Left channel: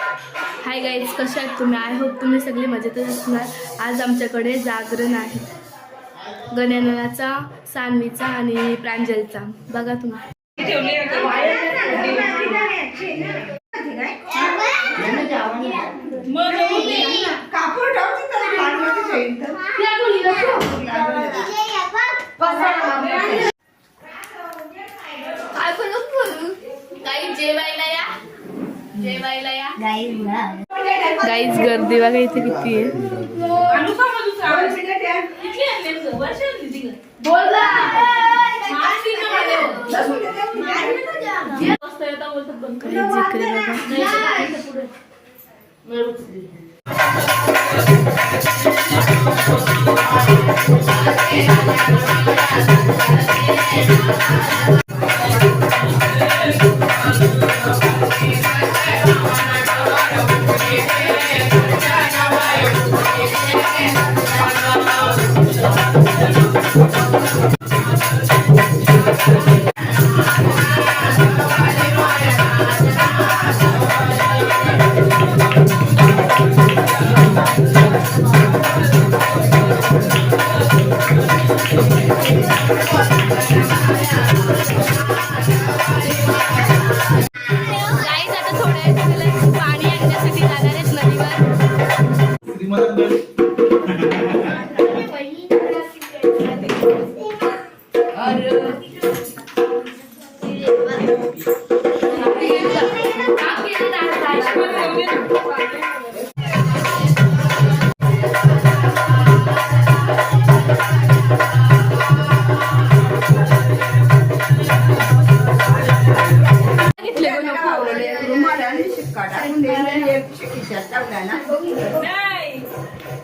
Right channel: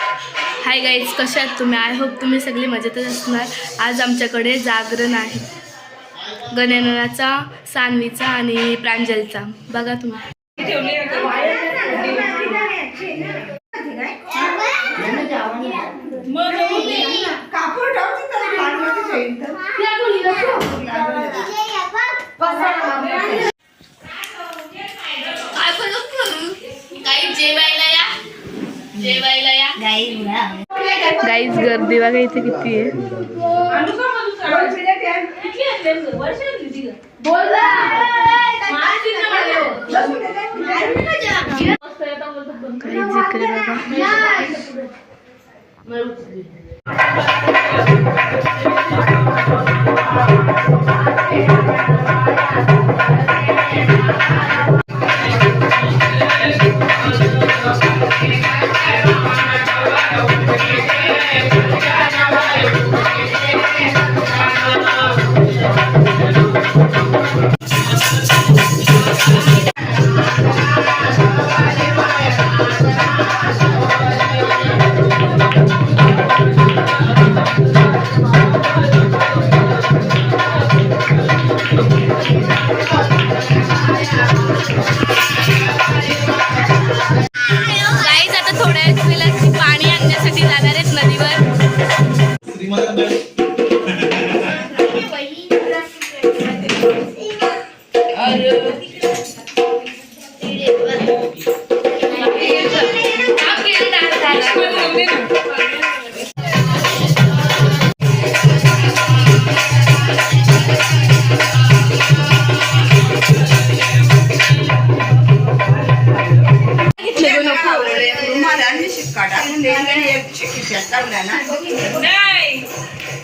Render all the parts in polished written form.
Hi guys, कशा आहात तुम्ही? आय होप तुम्ही सगळे मजेतच असणार. आज आमच्याकडे जागरण आहे गणेनाचा, सान्वीचा आणि प्रांजलचा. बघा तुम्ही. गाईज गर्दी बघा इथे किती आहे.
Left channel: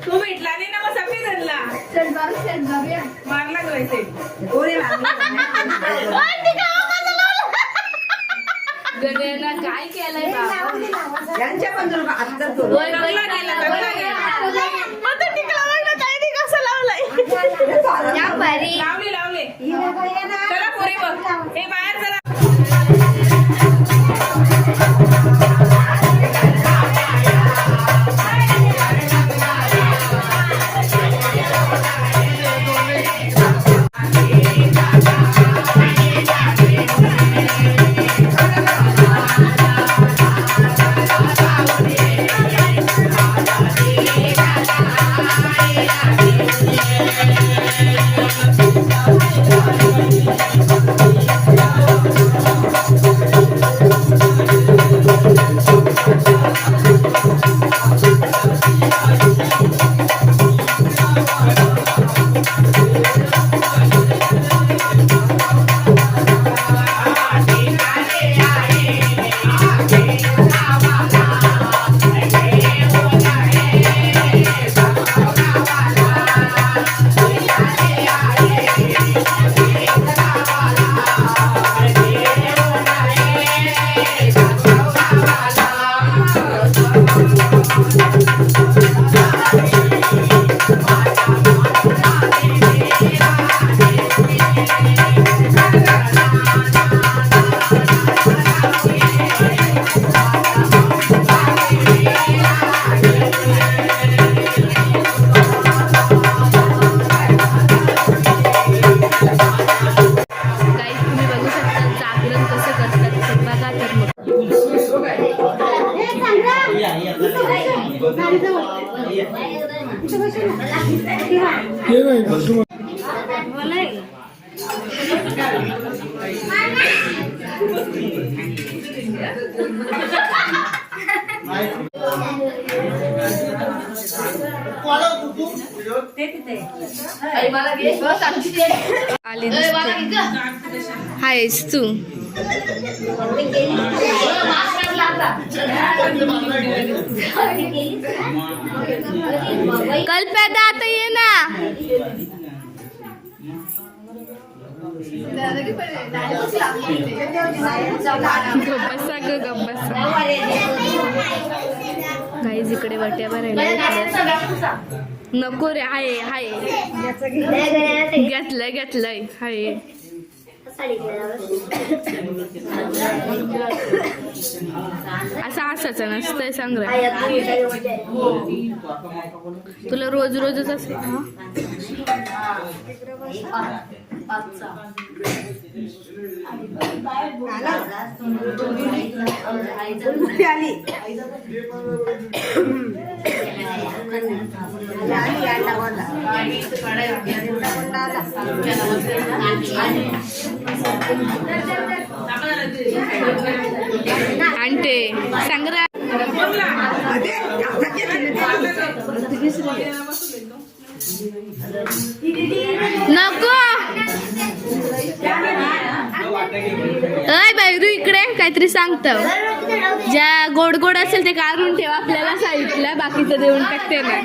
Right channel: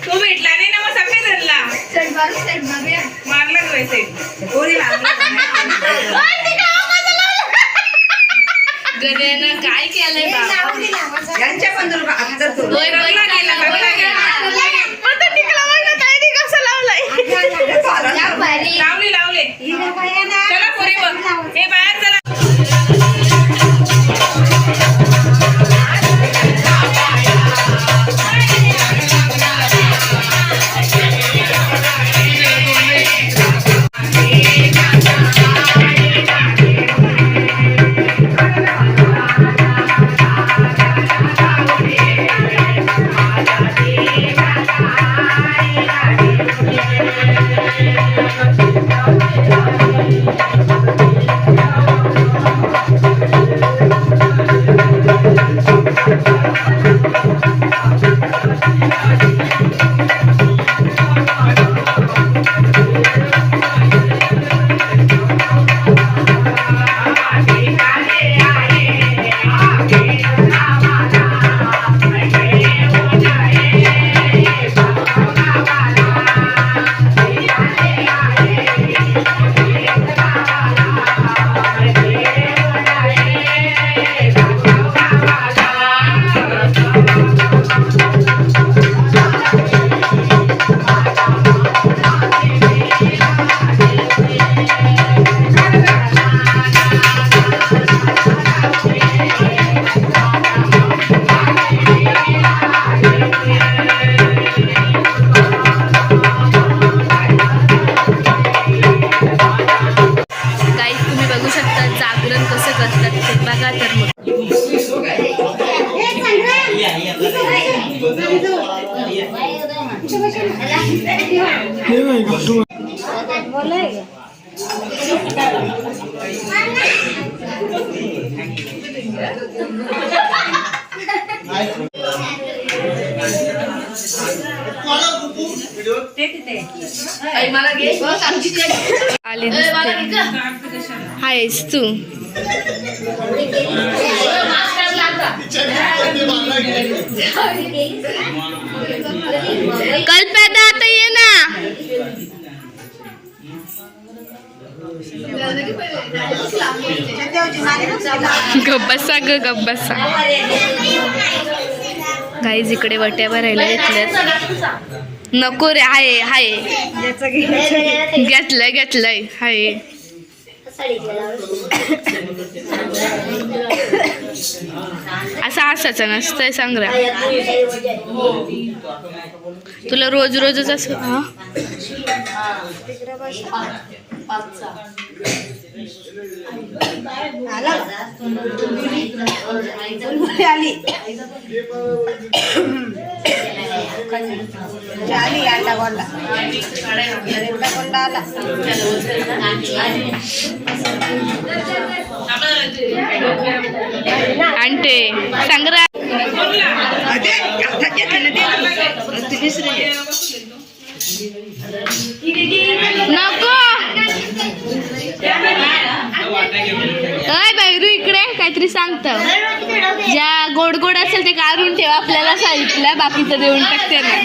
तू भेटला नाही ना, मग सगळे धरला मारला काय केलंय लावले लावले. चला पुरी बघ, हे बाहेर चला. हायस तू कल्प्यादा आता ये ना. गब्बसा ग गब्बसा. गाईज इकडे वट्या भरायला घेतल्यात. नको रे, आहे हाय घेतलंय घेतलंय हाय. असं असायचं नसतंय संग्राम. तुला रोज रोजच असं हा? आणते संग्राम. नको अय बैरू इकडे काहीतरी सांगत. ज्या गोड गोड असेल ते काढून ठेवा आपल्याला साईडला, बाकीचं देऊन टाकते ना.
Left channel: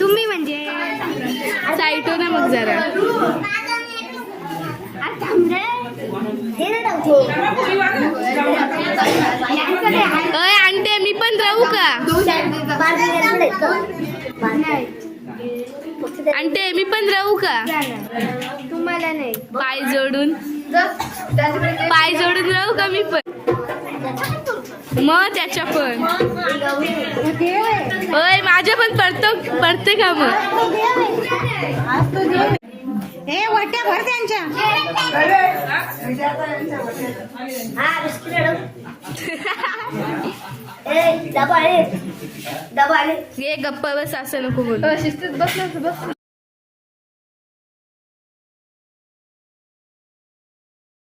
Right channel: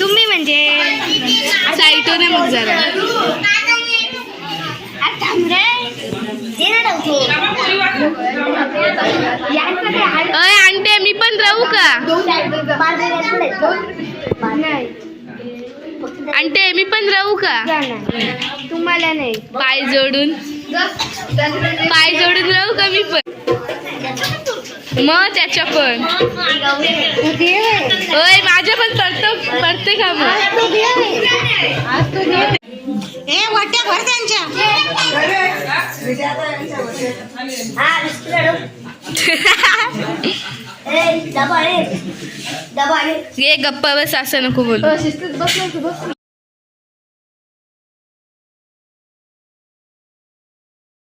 तुम्ही म्हणजे साईटो ना मग जरा. अय आणते मी पण राहू का? आणते मी पण राहू का? तुम्हाला नाही पाय जोडून राहू का मी पण? मग त्याच्या पण ओय माझ्या पण पडते का मग? हे वाट्या भर त्यांच्या. ये गप्पा बस, असं नको बोलू. शिस्तीत बसलं.